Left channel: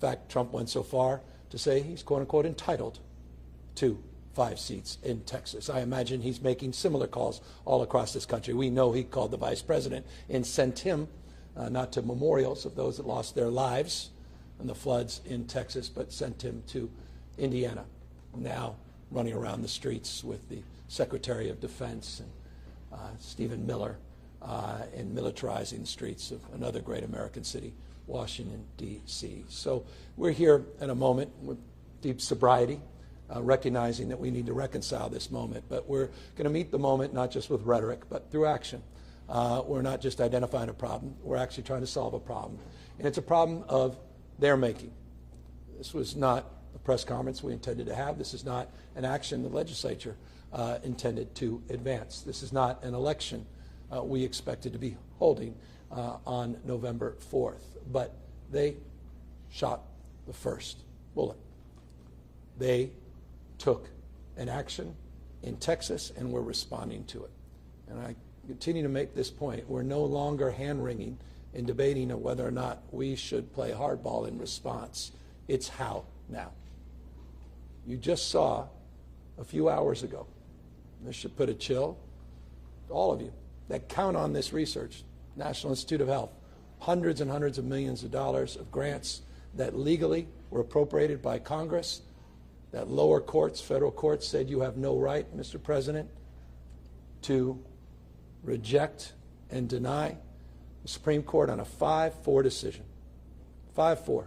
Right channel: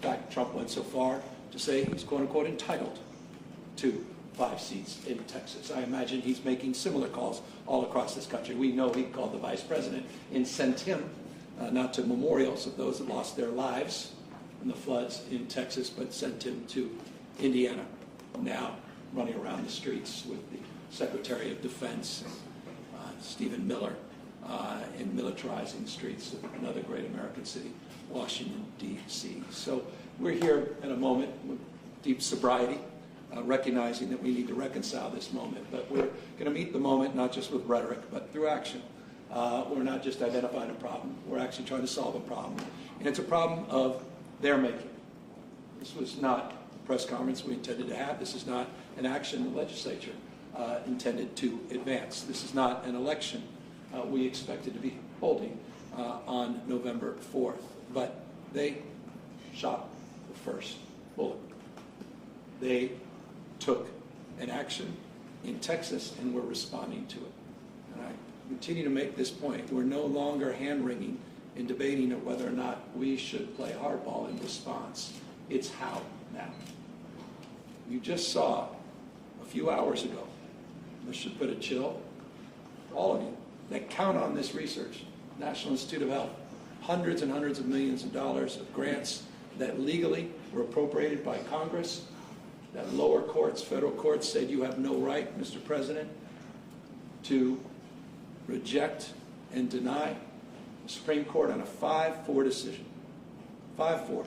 In fact, Trump went so far to say he's quote-unquote entitled to 5 seats in Texas. I imagine he's making similar calls all across this country. We know he called the vice president and sent him not to memorials of those that lost their lives in the floods in Texas, but sent him to Indiana, now running around the streets with the Secretary of Defense, Stephen Miller, in militarizing the streets of another great American city, Washington, D.C. So we're here at a moment with deep sobriety, recognizing that we need to reconcile this moment. But we're going to meet the moment not just with rhetoric, but through action. We're not just identifying a problem. We're actually trying to solve a problem. And it's a problem of their making. This was not a press conference we intended to have. This is not an action the legislature intended to advance. This is not an election we expected to be holding on November 4th. But they shot the first bullet. They took an action in Texas, and we're responding to it. And I continue to make this point. We're no longer hand-wringing in debating of whether or not we should play hardball in response. It's how now. You just saw a few hours ago, this should put a chill to all of you that count on this research, National Institute of Health, hundreds and hundreds of millions of dollars of grants that legally were appropriated by Congress, that lower courts, federal courts, said you have no right, Mr. President, to reject and deny. The Supreme Court on a 5-4 decision, 5-4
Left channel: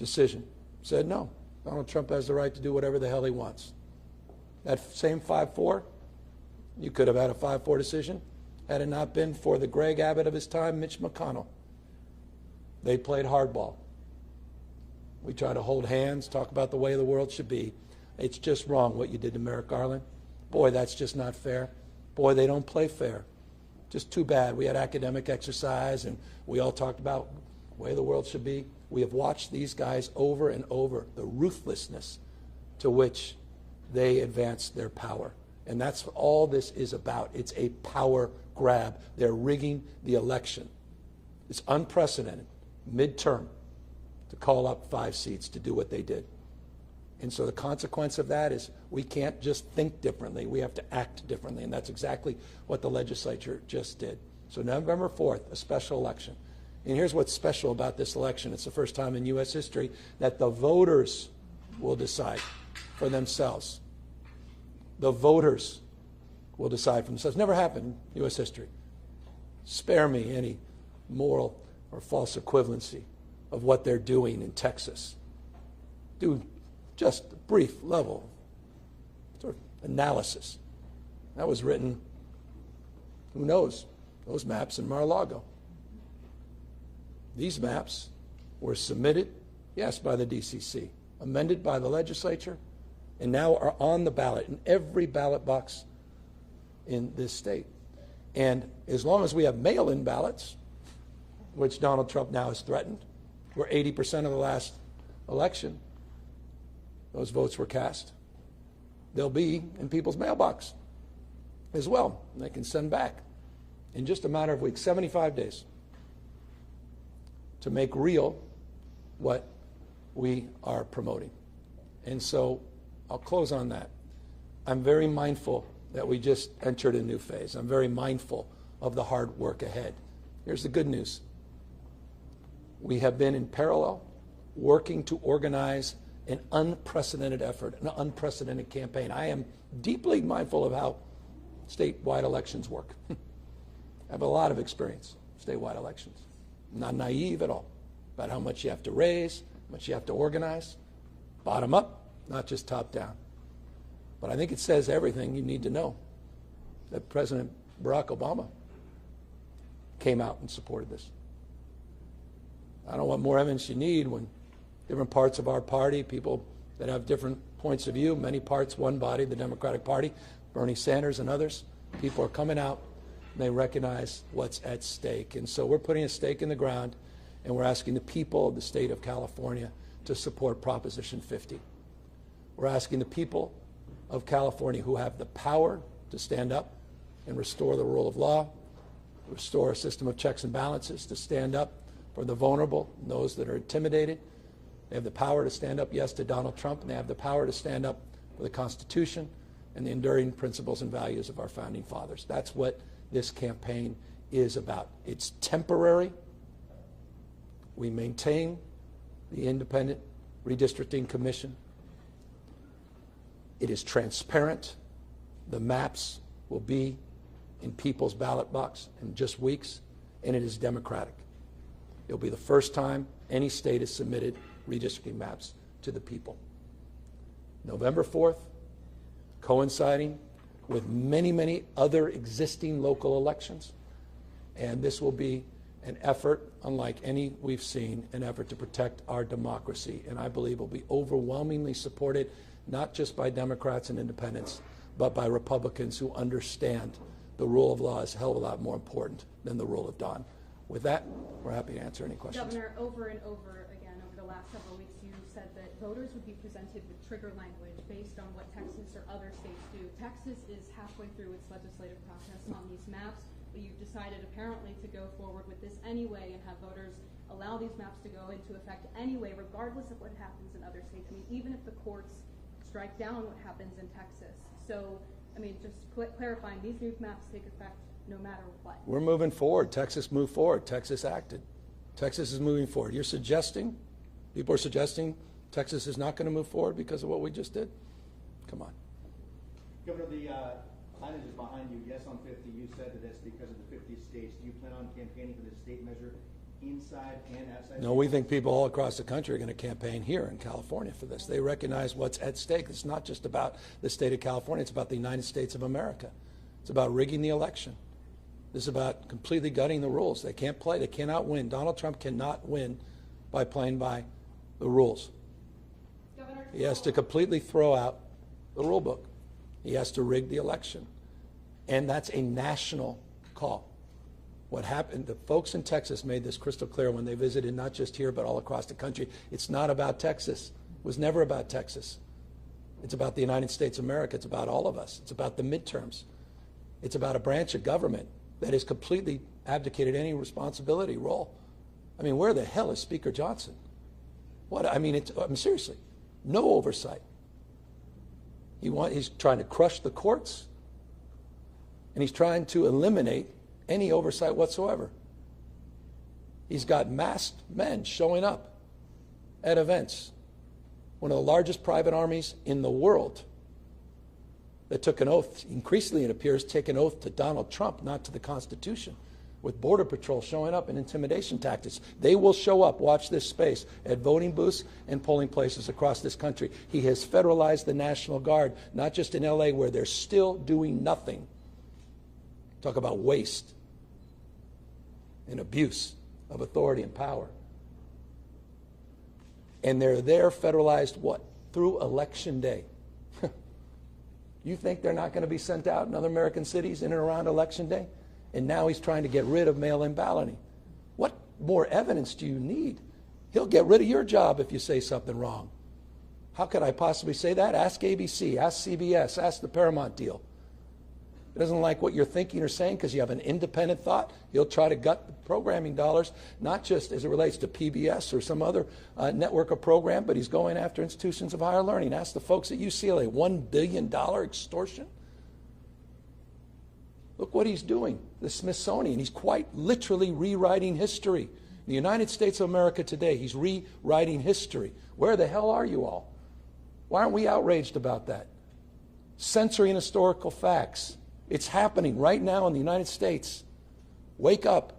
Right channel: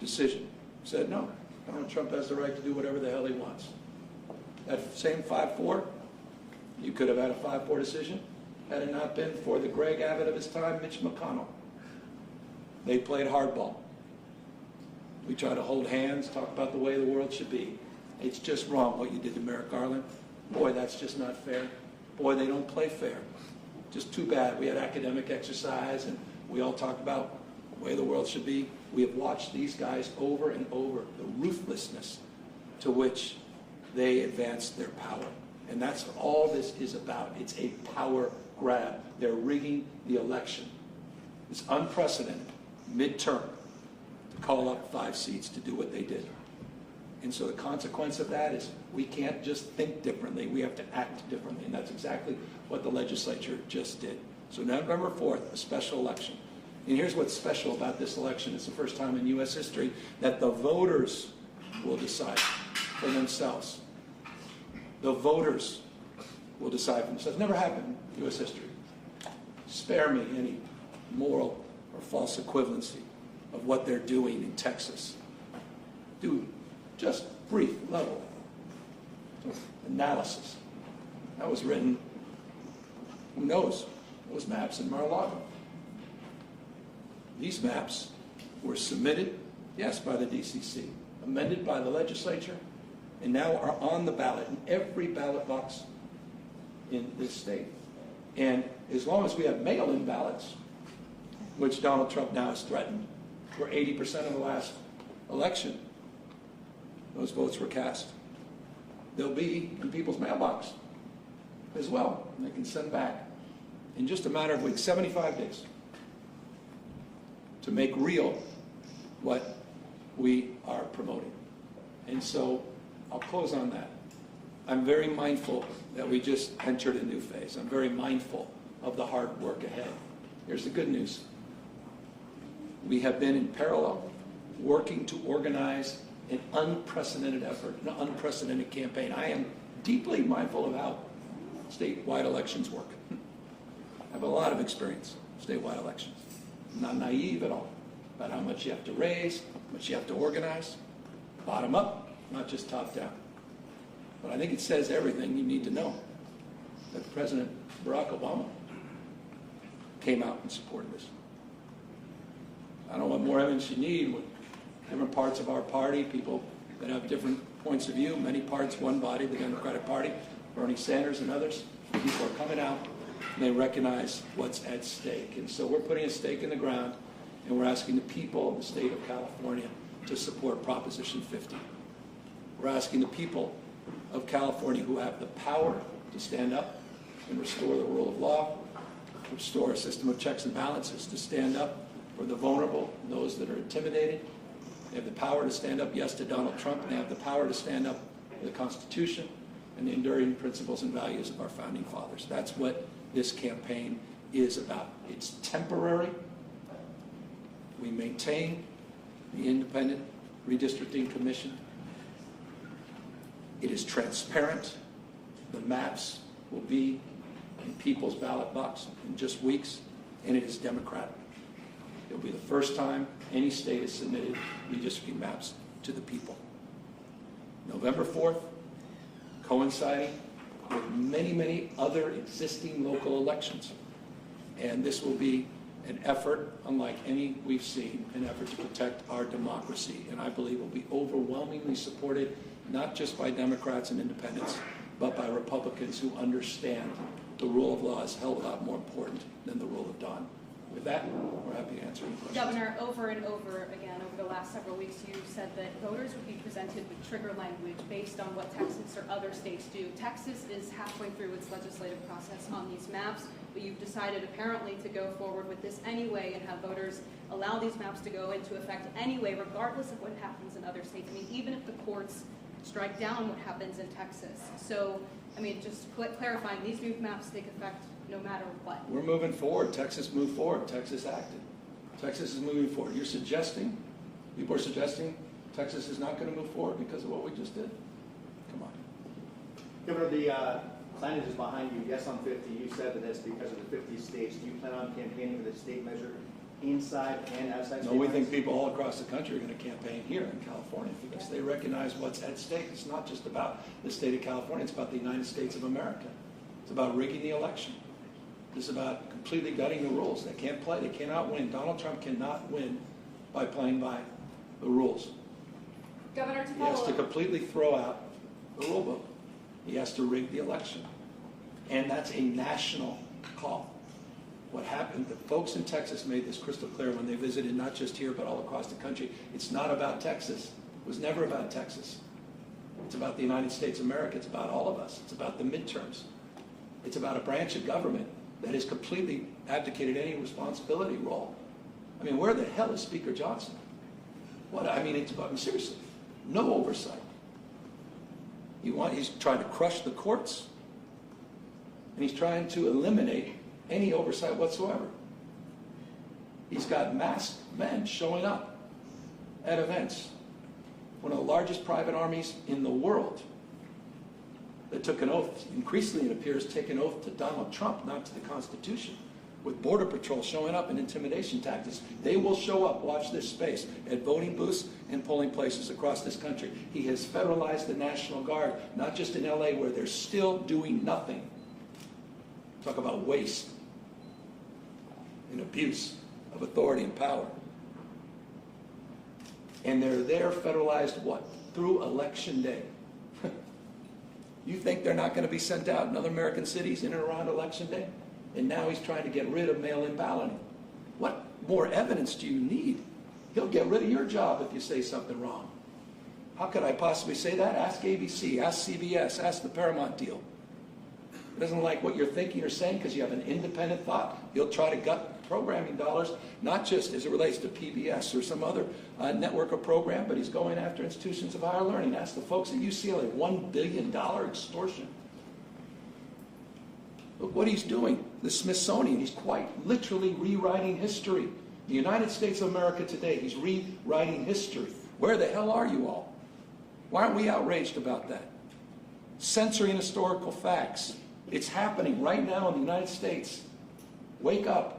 decision, said no, Donald Trump has the right to do whatever the hell he wants. That same 5-4, you could have had a 5-4 decision had it not been for the Greg Abbott of his time, Mitch McConnell. They played hardball. We try to hold hands, talk about the way the world should be. It's just wrong what you did to Merrick Garland. Boy, that's just not fair. Boy, they don't play fair. Just too bad. We had academic exercise and we all talked about the way the world should be. We have watched these guys over and over, the ruthlessness to which they advance their power. And that's what all this is about. It's a power grab. They're rigging the election. It's unprecedented, midterm, to call up 5 seats to do what they did. And so the consequence of that is we can't just think differently. We have to act differently. And that's exactly what the legislature just did. So November 4th, a special election. And here's what's special about this election. It's the first time in U.S. history that the voters will decide for themselves. The voters will decide for themselves. Never happened in U.S. history. Spare me any moral or false equivalency of what they're doing in Texas. Do just a brief level sort of analysis. That was written, who knows, those maps in Mar-a-Lago. These maps were submitted, yes, by the DCC, amended by the legislature, and now are on the ballot in every ballot box in this state. And as long as we have mail-in ballots, which Donald Trump now has threatened, where 80% of the last election, those votes were cast, they'll be in people's mailbox as well, and they can send back in just a matter of weeks, 75 days, to make real what we are promoting. And so I'll close on that. I'm very mindful that we just entered a new phase. I'm very mindful of the hard work ahead. Here's the good news. We have been in parallel working to organize an unprecedented effort, an unprecedented campaign. I am deeply mindful of how statewide elections work. I have a lot of experience in statewide elections. I'm not naive at all about how much you have to raise, how much you have to organize, bottom up, not just top down. But I think it says everything you need to know that President Barack Obama came out and supported this. I don't know what more evidence you need when different parts of our party, people that have different points of view, many parts, one body, the Democratic Party, Bernie Sanders and others, people are coming out and they recognize what's at stake. And so we're putting a stake in the ground and we're asking the people of the state of California to support Proposition 50. We're asking the people of California who have the power to stand up and restore the rule of law, restore a system of checks and balances, to stand up for the vulnerable and those that are intimidated. They have the power to stand up, yes, to Donald Trump, and they have the power to stand up for the Constitution and the enduring principles and values of our founding fathers. That's what this campaign is about. It's temporary. We maintain the independent redistricting commission. It is transparent. The maps will be in people's ballot box in just weeks, and it is democratic. It'll be the first time any state has submitted redistricting maps to the people. November 4th, coinciding with many, many other existing local elections. And this will be an effort unlike any we've seen, an effort to protect our democracy. And I believe will be overwhelmingly supported, not just by Democrats and independents, but by Republicans who understand the rule of law is a hell of a lot more important than the rule of Don. With that, we're happy to answer any questions. Governor, over and over again, over the last several weeks, you said that voters would be presented with trigger language based on what Texas or other states do. Texas is halfway through its legislative process on these maps, but you've decided apparently to go forward with this anyway and have voters allow these maps to go into effect anyway, regardless of what happens in other states. I mean, even if the courts strike down what happens in Texas. So, I mean, just clarifying, these new maps take effect no matter what. We're moving forward. Texas moved forward. Texas acted. Texas is moving forward. You're suggesting, people are suggesting Texas is not going to move forward because of what we just did? Come on. Governor, the signage is behind you, yes on 50. You said that it's because of the 50 states. Do you plan on campaigning for the state measure inside and outside? No, we think people all across the country are going to campaign here in California for this. They recognize what's at stake. It's not just about the state of California. It's about the United States of America. It's about rigging the election. This is about completely gutting the rules. They can't play. They cannot win. Donald Trump cannot win by playing by the rules. Governor, he has to completely throw out the rule book. He has to rig the election. And that's a national call. What happened, the folks in Texas made this crystal clear when they visited, not just here, but all across the country. It's not about Texas. It was never about Texas. It's about the United States of America. It's about all of us. It's about the midterms. It's about a branch of government that has completely abdicated any responsibility role. I mean, where the hell is Speaker Johnson? What, I mean, seriously, no oversight. He's trying to crush the courts, and he's trying to eliminate any oversight whatsoever. He's got masked men showing up at events. One of the largest private armies in the world that took an oath, increasingly it appears, take an oath to Donald Trump, not to the Constitution, with Border Patrol showing up and intimidation tactics. They will show up, watch this space, at voting booths and polling places across this country. He has federalized the National Guard, not just in LA where they're still doing nothing. Talk about waste and abuse of authority and power. And they're there federalized what? Through Election Day. You think they're not going to be sent out in other American cities in and around Election Day? And now he's trying to get rid of mail-in balloting. What more evidence do you need? He'll get rid of your job if you say something wrong. How could I possibly say that? Ask ABC, ask CBS, ask the Paramount deal. He doesn't like what you're thinking or saying because you have an independent thought. He'll try to gut programming dollars, not just as it relates to PBS or some other network or program, but he's going after institutions of higher learning. Ask the folks at UCLA, $1 billion extortion. Look what he's doing. The Smithsonian, he's quite literally rewriting history. The United States of America today, he's rewriting history. Where the hell are you all? Why aren't we outraged about that? Censoring historical facts. It's happening right now in the United States. Wake up.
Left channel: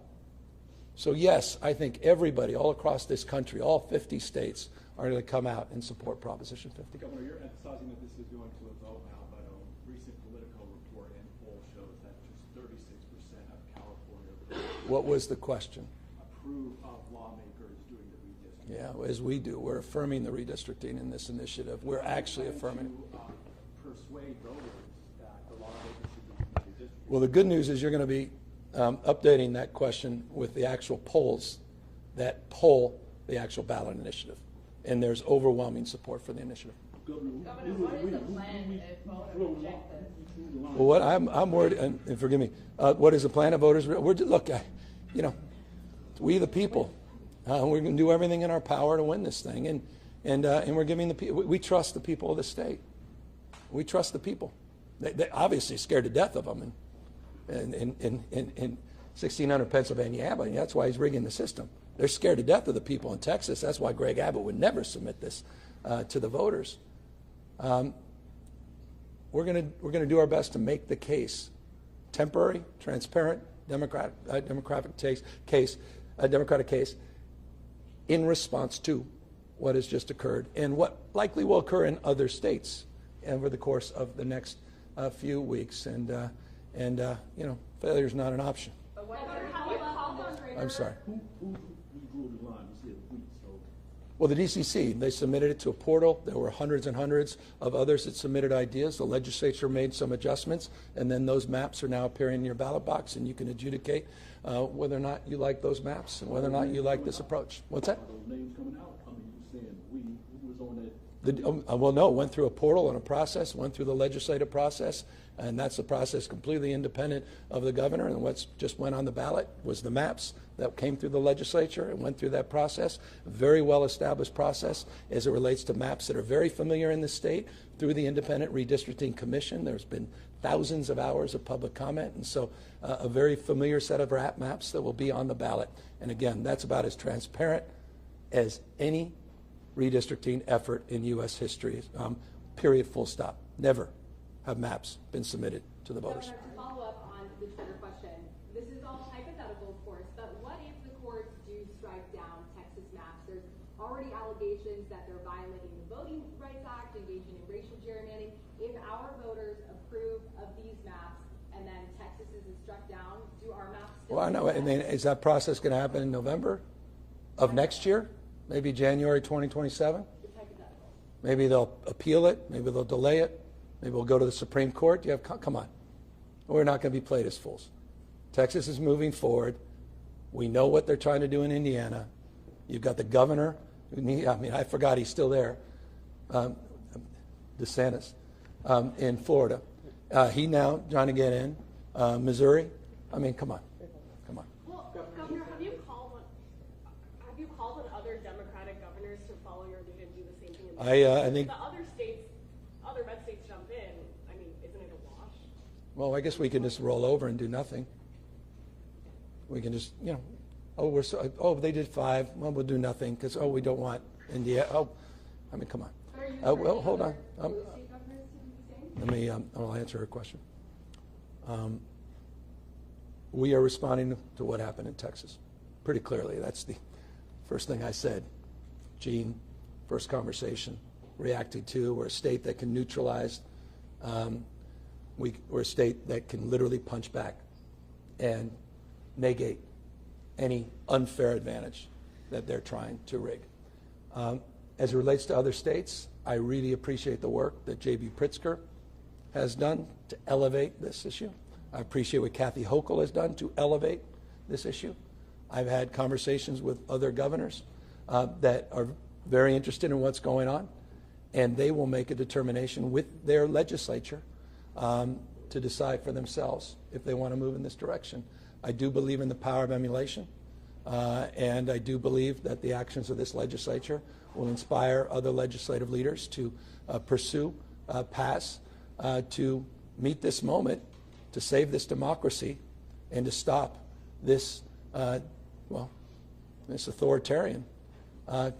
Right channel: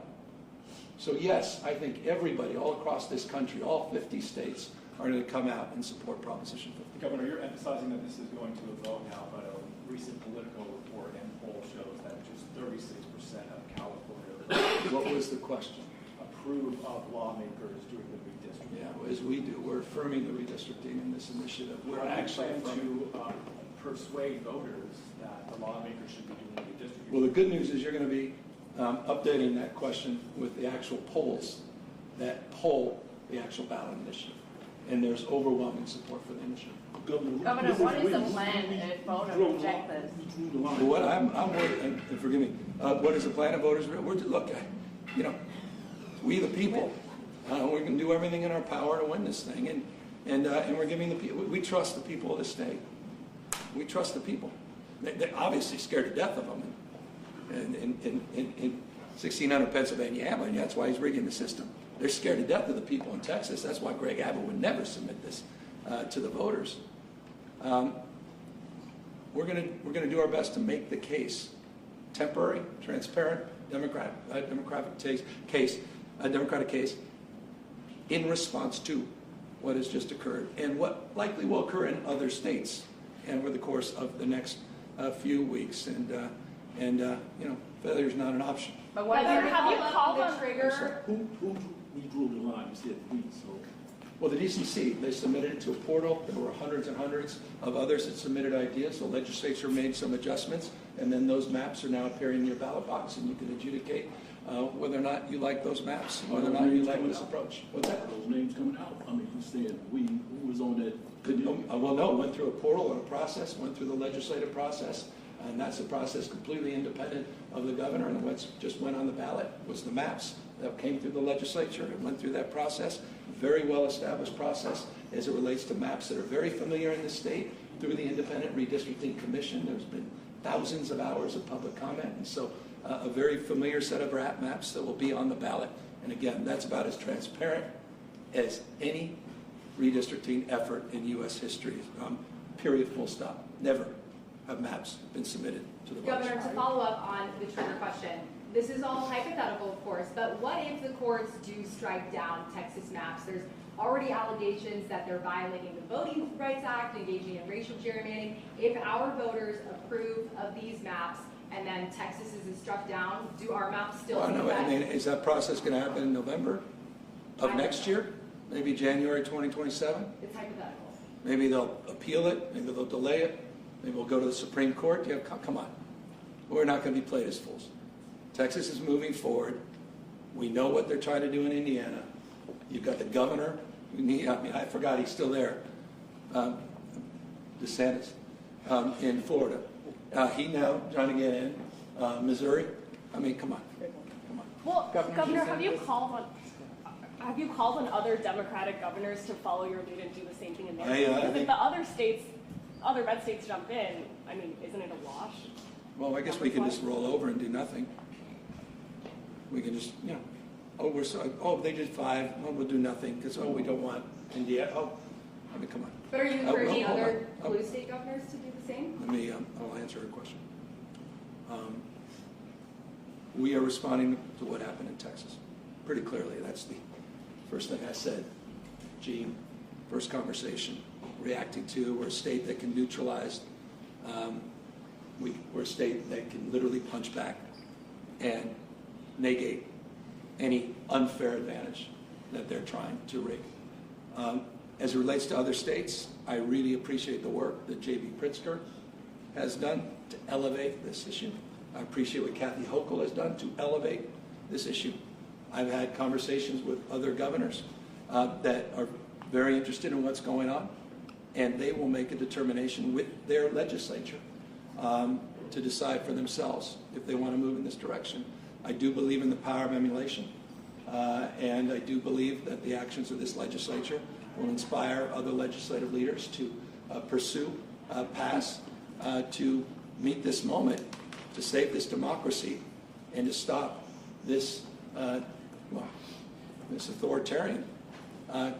So yes, I think everybody all across this country, all 50 states, are going to come out and support Proposition 50. Governor, you're emphasizing that this is going to a vote now, but a recent Politico report and poll shows that just 36% of California What was the question? approve of lawmakers doing the redistricting. Yeah, as we do. We're affirming the redistricting in this initiative. We're actually affirming. To persuade voters that the lawmakers should be doing the redistricting. Well, the good news is you're going to be updating that question with the actual polls that poll the actual ballot initiative. And there's overwhelming support for the initiative. Governor, what is the plan if voters reject this? Well, what I'm worried, and forgive me, what is the plan of voters? Look, we the people We're going to do everything in our power to win this thing, and we're giving the people. We trust the people of the state. We trust the people. They're obviously scared to death of them, in 1600 Pennsylvania Avenue. That's why he's rigging the system. They're scared to death of the people in Texas. That's why Greg Abbott would never submit this to the voters. We're going to do our best to make the case temporary, transparent, democratic case in response to what has just occurred and what likely will occur in other states over the course of the next few weeks. And failure is not an option. But what Have you called the on trigger? I'm sorry. Who drew the line? You said we, so. Well, the DCC, they submitted it to a portal. There were hundreds and hundreds of others that submitted ideas. The legislature made some adjustments, and then those maps are now appearing in your ballot box, and you can adjudicate whether or not you like those maps, whether or not you like this approach. What's that? Those names coming out. I mean, you said we, who was on that? Well, no, it went through a portal and a process, went through the legislative process, and that's a process completely independent of the governor. And what just went on the ballot was the maps that came through the legislature. It went through that process, very well-established process as it relates to maps that are very familiar in the state through the Independent Redistricting Commission. There's been thousands of hours of public comment, and so a very familiar set of maps that will be on the ballot. And again, that's about as transparent as any redistricting effort in U.S. history, period, full stop. Never have maps been submitted to the voters. Governor, to follow up on the trigger question, this is all hypothetical, of course, but what if the courts do strike down Texas maps? There's already allegations that they're violating the Voting Rights Act, engaging in racial gerrymandering. If our voters approve of these maps and then Texas is struck down, do our maps still? Well, no, I mean, is that process going to happen in November of next year? Maybe January 2027? It's hypothetical. Maybe they'll appeal it. Maybe they'll delay it. Maybe we'll go to the Supreme Court. Yeah, come on. We're not going to be played as fools. Texas is moving forward. We know what they're trying to do in Indiana. You've got the governor. I forgot he's still there. DeSantis in Florida. He now trying to get in. Missouri. I mean, come on. Well, Governor, have you called on other Democratic governors to follow your lead and do the same thing in I if think. the other red states jump in, I mean, isn't it a wash? Well, I guess we could just roll over and do nothing. We can just, they did 5. Well, we'll do nothing because we don't want India. I mean, come on. But are you Oh, encouraging hold other on. blue state governors to do the same? Let me. I'll answer a question. We are responding to what happened in Texas pretty clearly. That's the first thing I said. Gene, first conversation, reacting to. We're a state that can neutralize. We're a state that can literally punch back and negate any unfair advantage that they're trying to rig. As it relates to other states, I really appreciate the work that J.B. Pritzker has done to elevate this issue. I appreciate what Kathy Hochul has done to elevate this issue. I've had conversations with other governors that are very interested in what's going on, and they will make a determination with their legislature to decide for themselves if they want to move in this direction. I do believe in the power of emulation, and I do believe that the actions of this legislature will inspire other legislative leaders to pursue, pass, to meet this moment, to save this democracy, and to stop this, this authoritarian and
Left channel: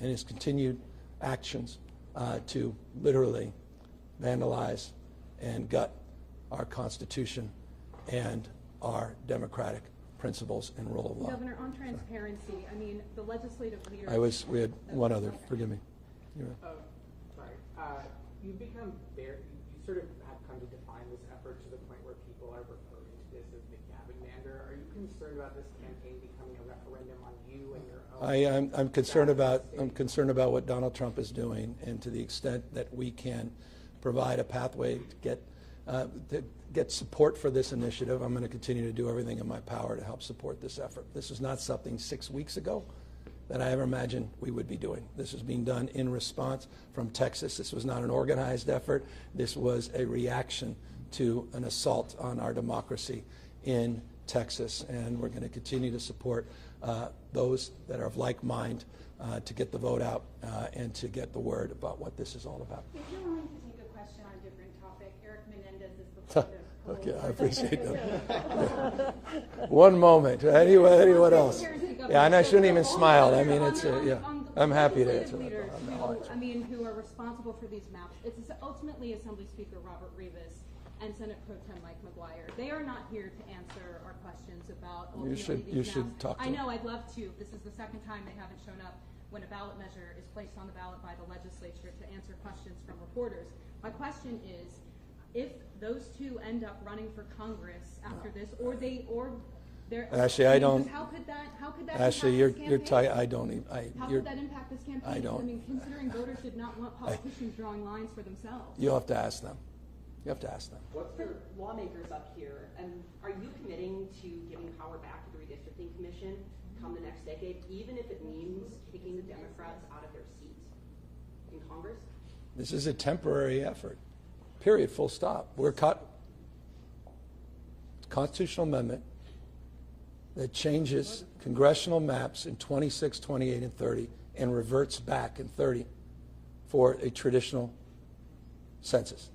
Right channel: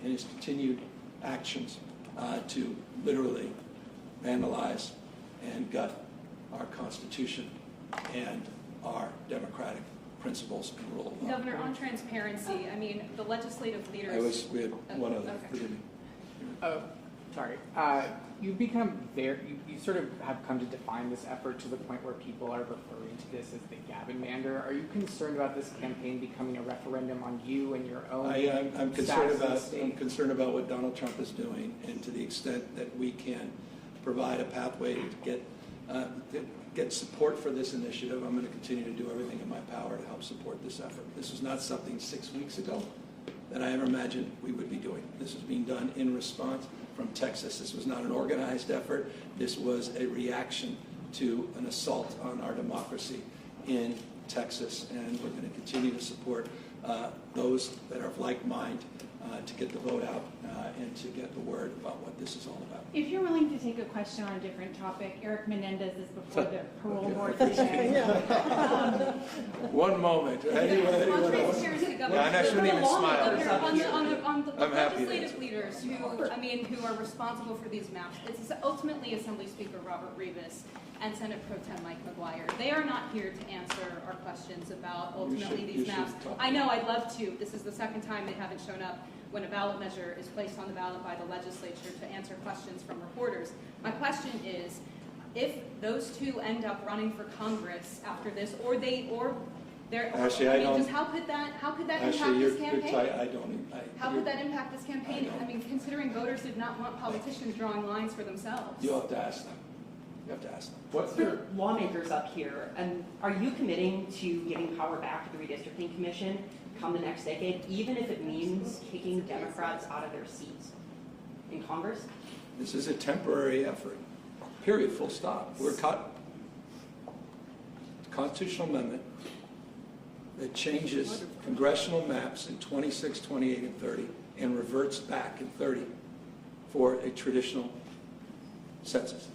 his continued actions to literally vandalize and gut our Constitution and our democratic principles and rule of law. Governor, on transparency, I mean, the legislative leaders. We had one other, Okay. forgive me. Oh, sorry. You've become you sort of have come to define this effort to the point where people are referring to this as the Gavin-mander. Are you concerned about this campaign becoming a referendum on you and your own? I am. I'm concerned about what Donald Trump is doing, and to the extent that we can provide a pathway to get support for this initiative, I'm going to continue to do everything in my power to help support this effort. This was not something 6 weeks ago that I ever imagined we would be doing. This is being done in response from Texas. This was not an organized effort. This was a reaction to an assault on our democracy in Texas, and we're going to continue to support those that are of like mind to get the vote out and to get the word about what this is all about. If you're willing to take a question on a different topic, Eric Menendez is before the parole Okay, I board appreciate today. One moment. Anyone else? Here's the Yeah, and I shouldn't even governor. smile. I mean, On it's, the- on yeah. the- on the I'm happy to legislative answer. leaders who are responsible for these maps, it's ultimately Assembly Speaker Robert Rivas and Senate Pro Tem Mike McGuire. They are not here to answer our questions about ultimately you these should maps. talk to I them. know, I'd love to. This is the second time they haven't shown up when a ballot measure is placed on the ballot by the legislature to answer questions from reporters. My question is, if those two end up running for Congress after this, or they're Ashley, I don't- because how could that Ashley, impact this you're campaign? tight. I don't even. How could that impact this campaign? don't. I mean, considering voters did not want politicians drawing lines for themselves. You'll have to ask them. You have to ask them. What's For your, lawmakers up here, and are you committing to giving power back to the redistricting commission come the next decade, even if it means kicking Democrats out of their seats in Congress? This is a temporary effort. Period. Full stop. We're caught. Constitutional amendment that changes congressional maps in 26, 28, and 30 and reverts back in 30 for a traditional census.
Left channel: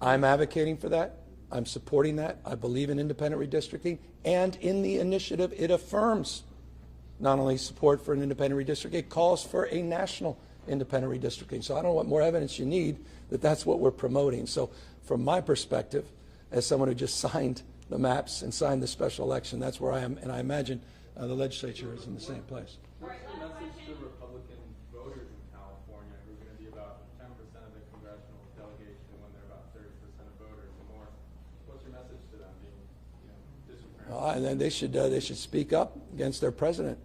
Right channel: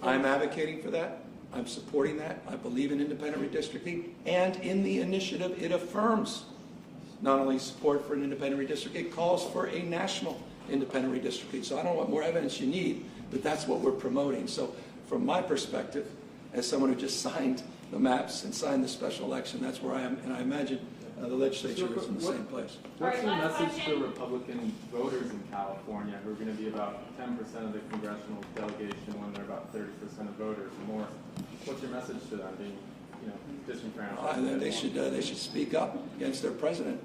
I'm advocating for that. I'm supporting that. I believe in independent redistricting. And in the initiative, it affirms not only support for an independent redistricting, it calls for a national independent redistricting. So I don't know what more evidence you need that that's what we're promoting. So from my perspective, as someone who just signed the maps and signed the special election, that's where I am. And I imagine the legislature is in the same place. what's your Alright, last message to question. Republican voters in California who are going to be about 10% of the congressional delegation when they're about 30% of voters or more? What's your message to them being, disenfranchised? And then they should speak up against their president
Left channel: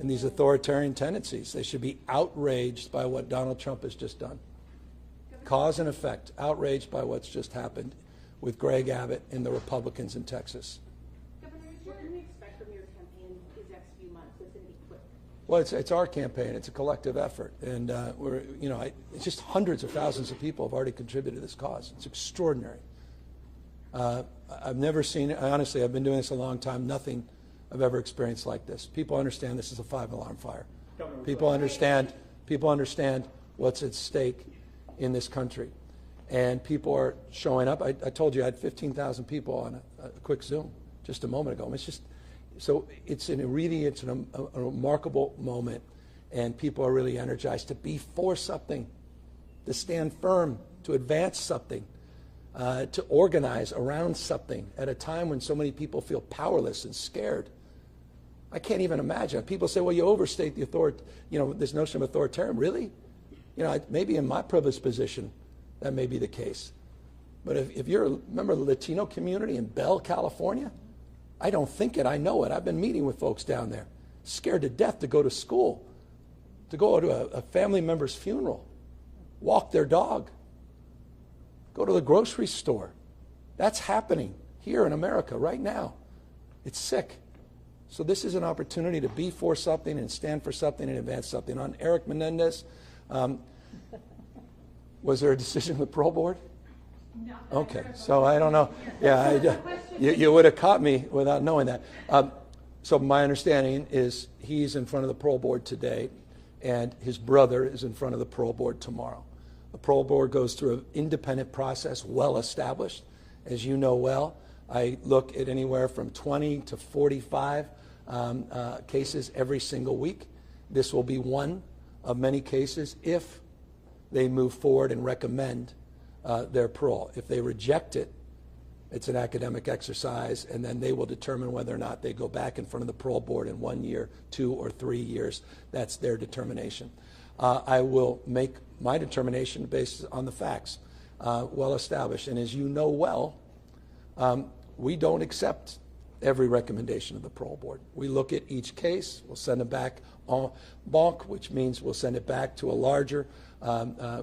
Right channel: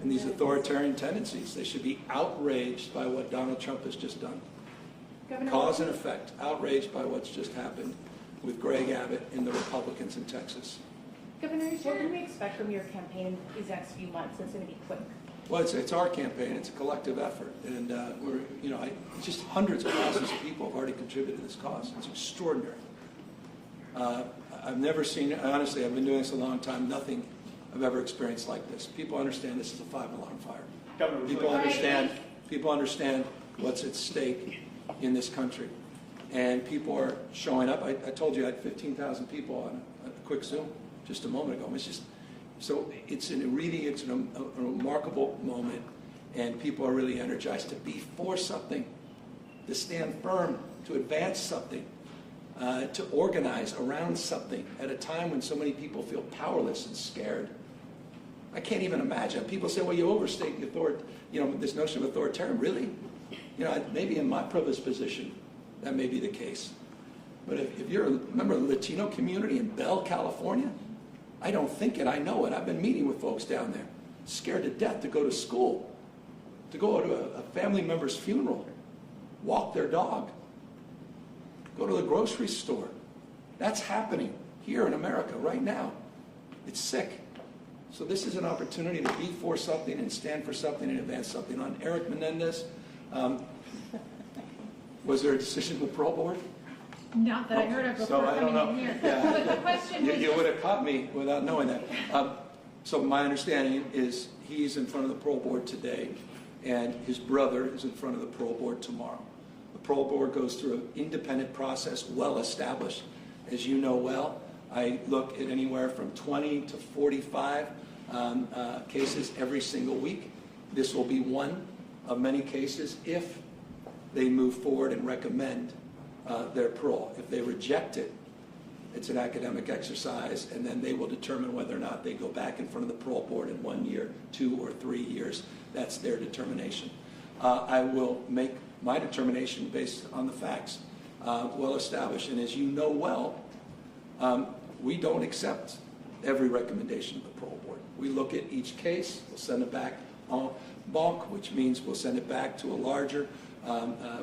and these authoritarian tendencies. They should be outraged by what Donald Trump has just done. Cause and effect, outraged by what's just happened with Greg Abbott and the Republicans in Texas. Governor, What can we expect from your campaign these next few months? It's going to be quick. Well, it's our campaign. It's a collective effort, and it's just hundreds of thousands of people have already contributed to this cause. It's extraordinary. I've never seen it. Honestly, I've been doing this a long time. Nothing I've ever experienced like this. People understand this is a 5-alarm fire. Governor, People understand what's at stake in this country, and people are showing up. I told you I had 15,000 people on a quick Zoom just a moment ago. It's just so it's a remarkable moment, and people are really energized to be for something, to stand firm, to advance something, to organize around something at a time when so many people feel powerless and scared. I can't even imagine. People say, well, you overstate the authority, this notion of authoritarian. Really? Maybe in my privileged position, that may be the case. But if you're a member of the Latino community in Bell, California, I don't think it, I know it. I've been meeting with folks down there, scared to death to go to school, to go to a family member's funeral, walk their dog, go to the grocery store. That's happening here in America right now. It's sick. So this is an opportunity to be for something and stand for something and advance something. On Eric Menendez, was there a decision with the parole board? Not that I heard of before. So I don't know. coming in here. Yeah, So the question you would have caught me without knowing that. So my understanding is he's in front of the parole board today, and his brother is in front of the parole board tomorrow. The parole board goes through an independent process, well established. As you know well, I look at anywhere from 20 to 45 cases every single week. This will be one of many cases if they move forward and recommend their parole. If they reject it, it's an academic exercise, and then they will determine whether or not they go back in front of the parole board in 1 year, 2 or 3 years. That's their determination. I will make my determination based on the facts, well established. And as you know well, we don't accept every recommendation of the parole board. We look at each case, we'll send it back en banc, which means we'll send it back to a larger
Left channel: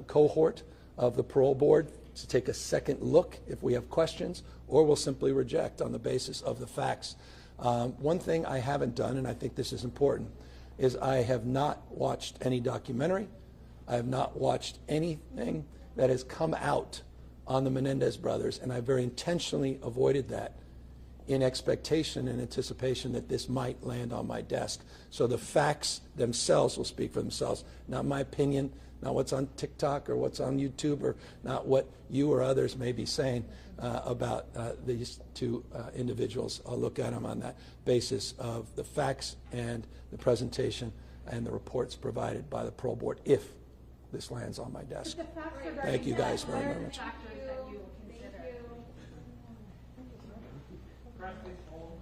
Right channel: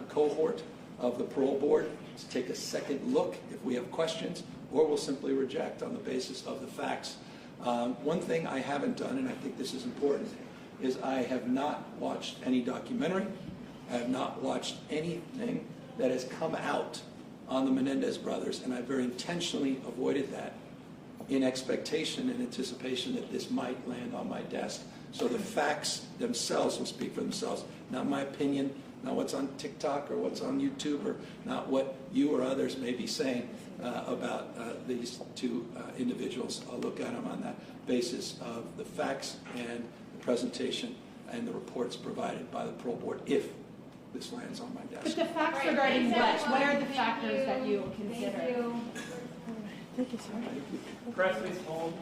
cohort of the parole board to take a second look if we have questions, or we'll simply reject on the basis of the facts. One thing I haven't done, and I think this is important, is I have not watched any documentary. I have not watched anything that has come out on the Menendez brothers, and I very intentionally avoided that in expectation and anticipation that this might land on my desk. So the facts themselves will speak for themselves, not my opinion, not what's on TikTok or what's on YouTube, or not what you or others may be saying about these two individuals. I'll look at them on that basis of the facts and the presentation and the reports provided by the parole board if this lands on my But desk. the facts Right. regarding Thank you guys that, what very are the much. factors that you consider? Press please hold.